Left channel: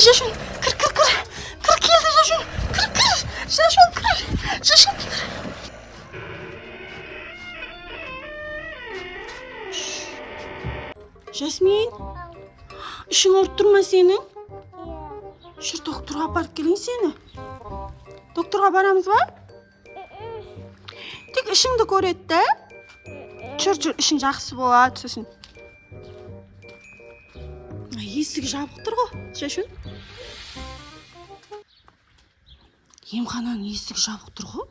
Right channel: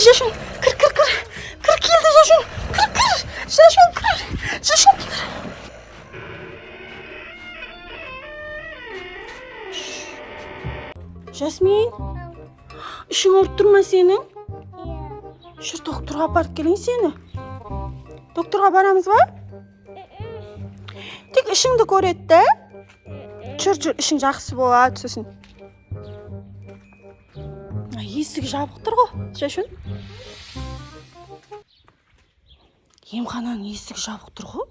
Жашун. Кір. Кір келді Жашун. Кір. Жашун кір. Жашун кір. Жасмин. Ішің ауырып тұр ма сенің? Жүр докторға апарып келейін сені. Докторға барамыз ба? Тек ішіңді көреді да. Жүр, ішің жақсы болады сосын. Есігі жабық тұр ғой, Жашун. Емхананың есігі жабық тұр ғой.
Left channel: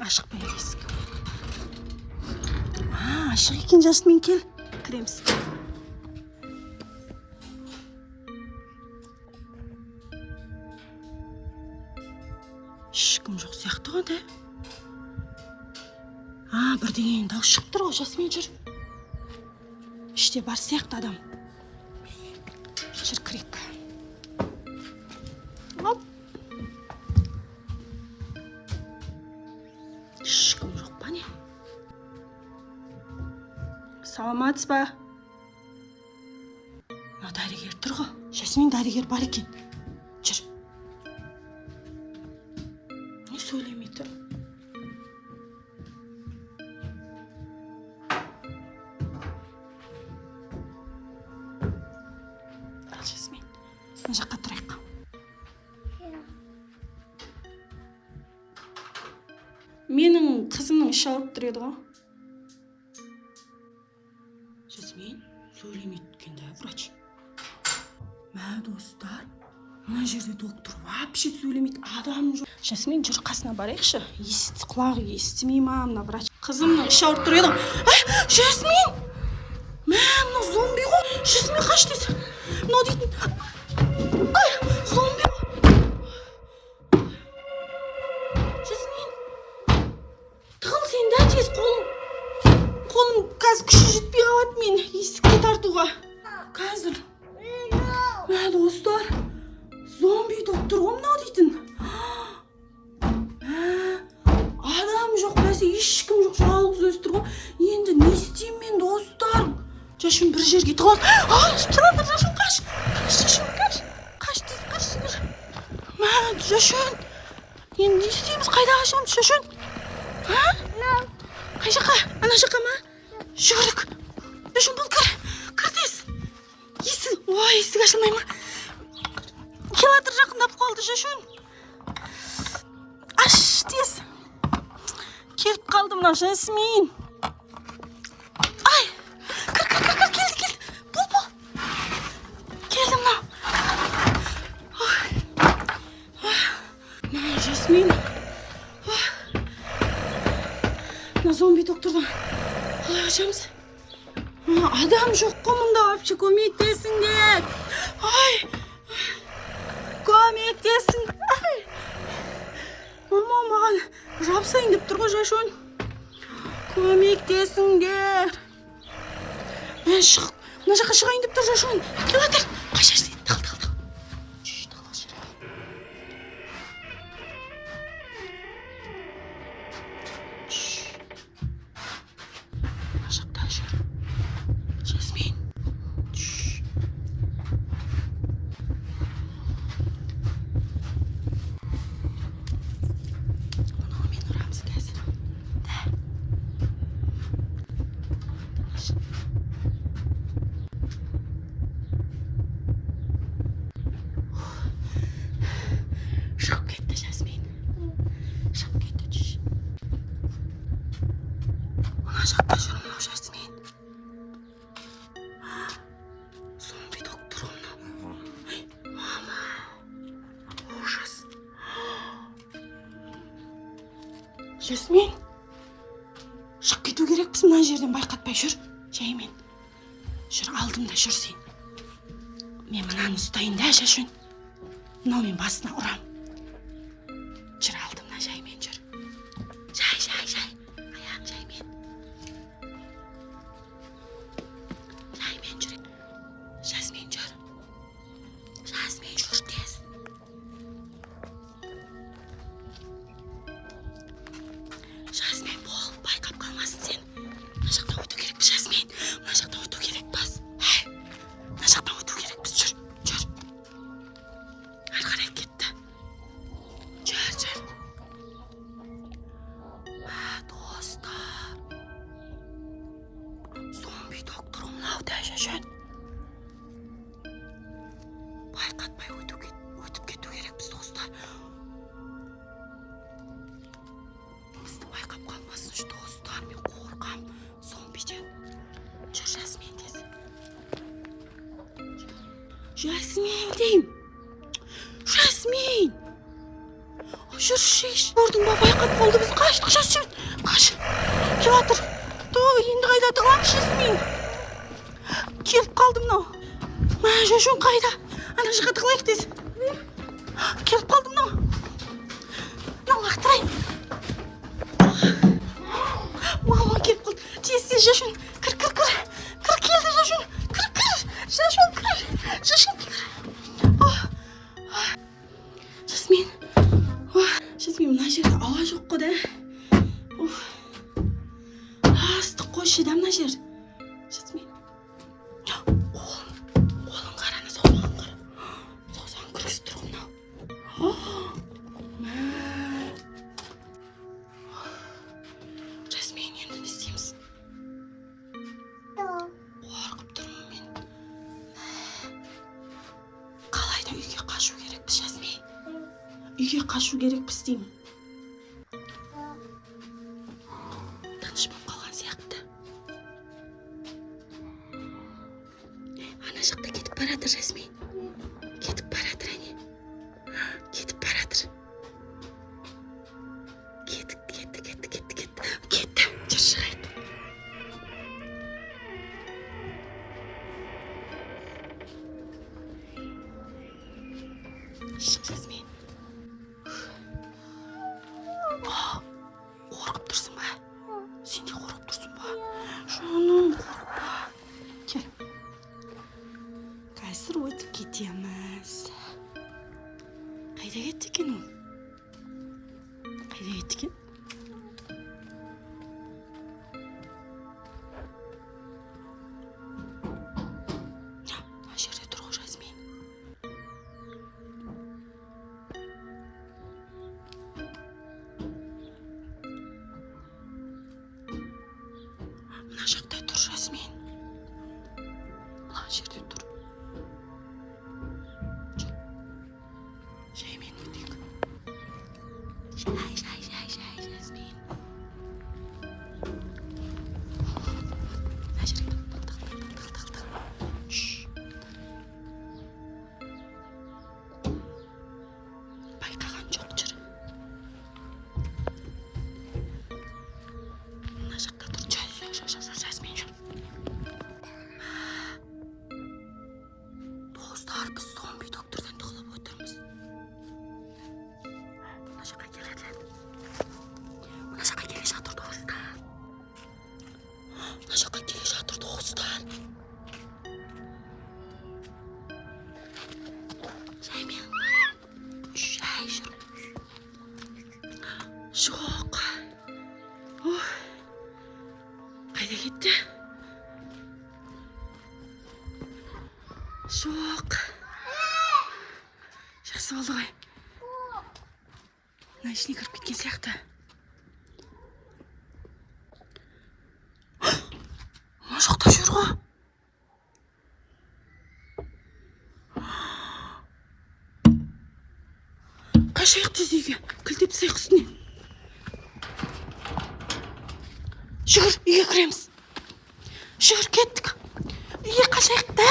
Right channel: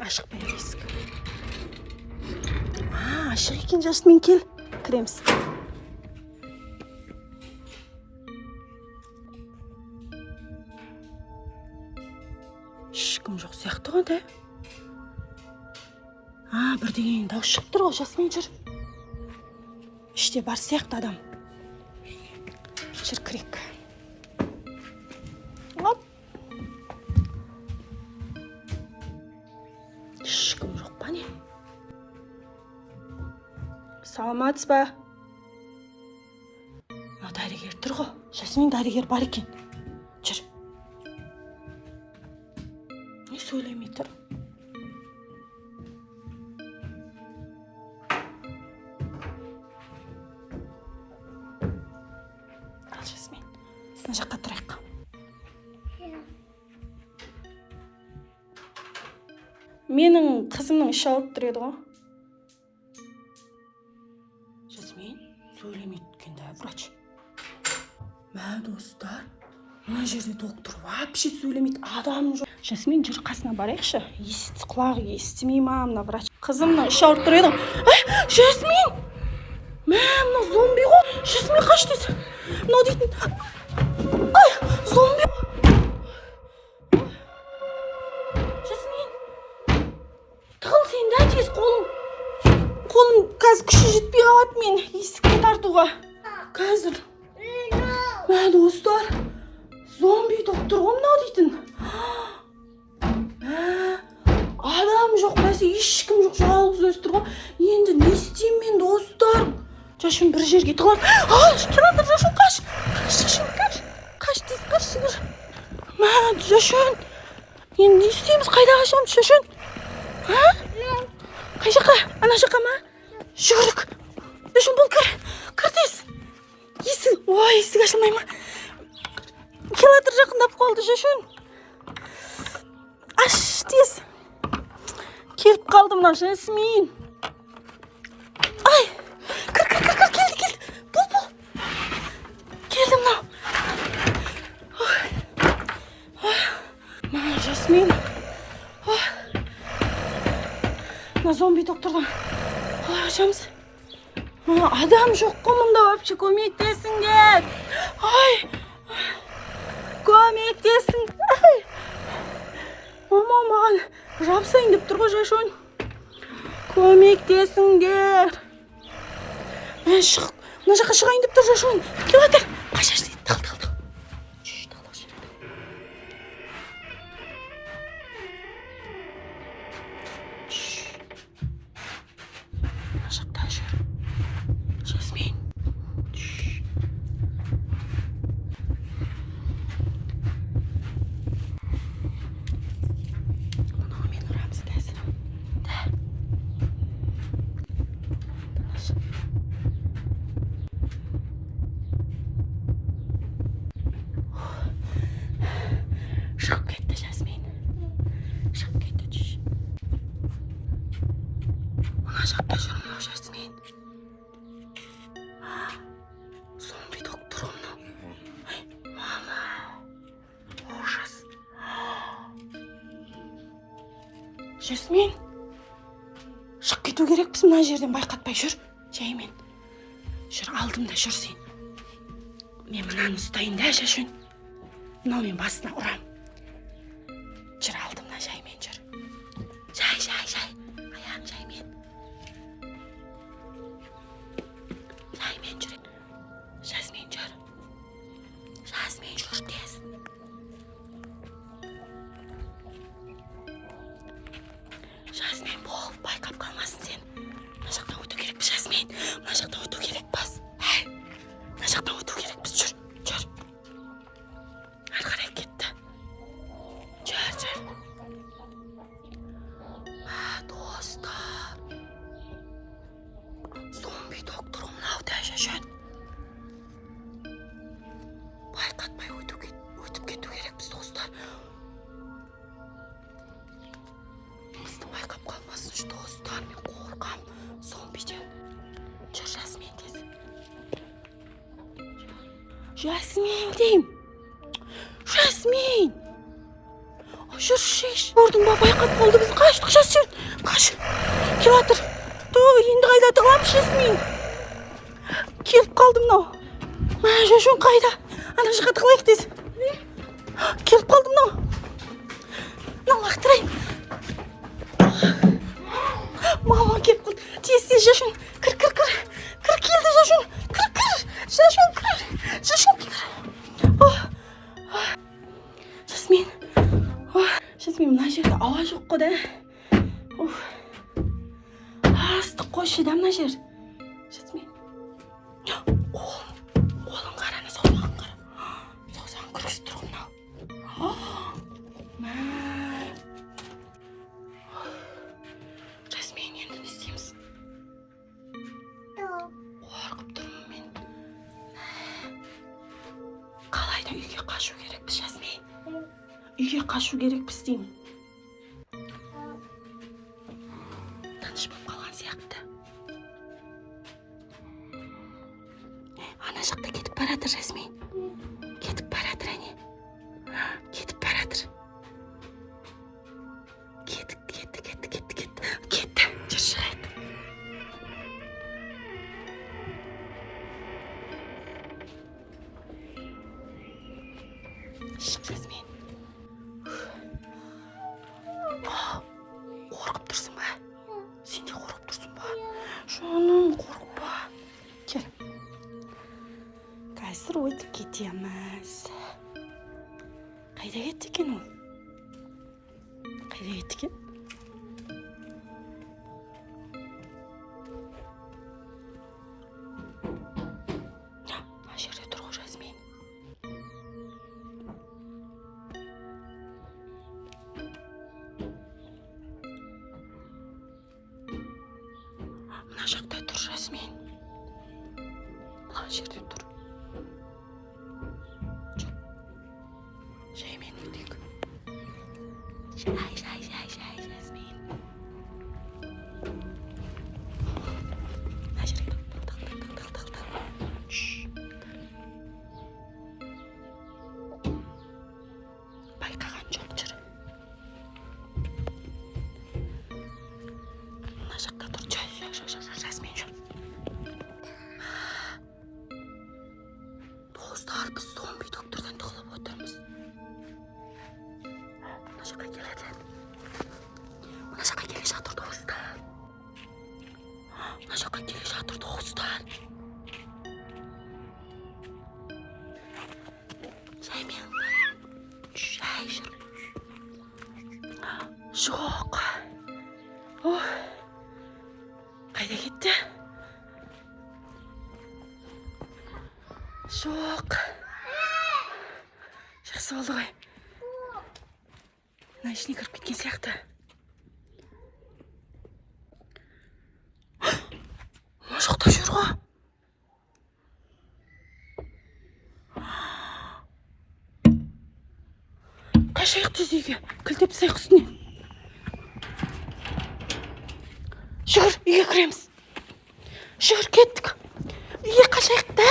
Ашық па есік? Ашық екен, Жасмин, кел. Кіреміз. Ешкім жоқ сияқты ғой, да? Бірдеңенің дауыс шығып тұр ғой, Жасмин, жүр. Іште бар сияқты адам. Жүр, кірек. Оп. Ешкім жоқ па не? Саламатсыз ба? Дәрігер тұр ғой. Жасмин, дәрігер бар екен. Жүр. Не сөйлемей тұр? Ал, Жасмин, мына жаққа тұрайық. Менің қызымның іші ауырып тұр еді ғой. Жасмин, сөйлемейді екен да, врач. Мә, достар, мына жерде доктор вообще сөйлемейді, адам жоқ. Жасмин, жүр қасына барайықшы. Құлағы естімей ма мына врач? Қызымның іші ауырып тұр еді. Жасмин! Мә, мына зомби ғой. Жасмин, қаш десе. Мынау дейтін. Зомби ғой. Жасмин! Тығыл сен да тез қолым қазір күші жетпей қалады мен есікті тартуға. Қазір. Мә, достар, зомби доктор ғой мынау дейтін. Адам жоқ, бәсе ешкім жоқ, жалғыз өзі тұр ғой. Енді не істеймін мен, достар? Жашун бір жерге тығылады. Келатыр, Жашун, қаш. Қаш. Мә, Жашун, енді не істейміз, қайда қашамыз, Жашун? Қай жаққа? Ана жаққа ма? Жүгірдік. Жашун, бұл кір тез. Есік ашылмай ма? Келатыр, жақындап қалды, Жашун. Аш, тез. Келіп қалды мына Жасмин. Кір, келді. Бұл. Келді мынау. Мына Жасмин. Мына зомби доктордан қалай қашамыз? Адам жоқ қой мұнда, вообще көмектесіңдер. Көмектесіңдер. Мама, маған жапсайын деп тұр ғой, Жашун. Көмектесіңдер. Мына жаққа шығайын деп тұр, Жашун. Келатыр. Қашар сен, тығыл. Тығыла жүр. Мына жақта жүр. Жасмин. Шығып кетті, Жасмин. Шығып кетті, жүр. Мына жақта жүр мынау, Жасмин. Зомби доктор ғой мынау. Мама, ужас. Жасмин, шығып кету керекпіз мына жерден, байқатпай жүр. Жаймен. Жүр, алдымда жүр сен. Мен мынаны ұстайын да, Жашун. Мынау мен басына ұрам. Жүр, алдымда жаймен жүр. Жай. Аяғын жаймен. Жаймен жүр. Жасмин жүр. Жасмин жүр тез. Жасмин, бол, байқап қалмасын сен. Мына жақтан өту керекпіз, Жасмин. Мына жақтан өту керекпіз. Мына жақтан өту керекпіз. Жүр. Ары қарай кетті. Жүр. Достар. Зомби доктор мынауда шашын. Байқатпай өтіп кету керекпіз, достар. Бізді байқап қалмасыншы, достар. Мен қорқам зомбиден. Жүр, Жасмин тез. Жасмин дейм. Жасмин. Жүр, шеш. Көрдің ба, байқап қалды, біз қаштық. Жүр. Қаш. Жатыр. Енді қайда тығыламыз, Жасмин? Келіп қалды мынау. Мына шашын қайда? Ана жаққа тығылайық тез. Келіп қалды мынау. Мынау лақтырайын. Мама келіп қалды. Тез шашын. Кір. Кір келді шашын. Кір. Шашын кір. Жасмин, мына жерде ауа жоқ қой да. Астық қойшы да мына жер. Жасмин. Қолын қараны, саусағын қара. Саусағын кіргізіп тұр мынау. Жасмин, енді не істейміз? Қорқып тұрмын мен. Қалайда үйге қашу керекпіз, Жасмин? Үйге қашу керекпіз деймін. Таныш болып қалған сияқты. Ана жақта кетіп баратыр, Жасмин. Кетіп баратыр, әне. Кетіп баратыр. Кетті. Жүр, шығайық. Шық, Жасмин. Қорқып тұрсың ба? Сен де қорқып тұрсың ба? Жаным, қорқпа. Кел. Қазір өтіп кетеміз. Қайда кетті екен ол? Қайда кетті екен? Мына жерде тұр ғой, Жасмин. Мына жақта тұр, Жасмин. Мына жерде тұр. Жаймен өтейік. Жай, Жасмин. Мына жерге тық. Байқаған жоқ, жүр. Мына жақта тұр, жүр, Жасмин, жүр. Достар, біз зомби доктордан тығылып отырмыз. Мына жаққа келеді. Мына жаққа келе жатыр, достар. Жаймен. Жай жүр. Жоқ. Қайда кетті? Жоқ. Жақсы болды ғой. Мына ішіне кіріп кеткен сияқты. Мына жақта жүр ғой. Қашайық тез үйге. Кілтеп тастайық үстіне. Жүгір, үйге кіреміз. Жүгір, кеттік. Үйге қашайық та.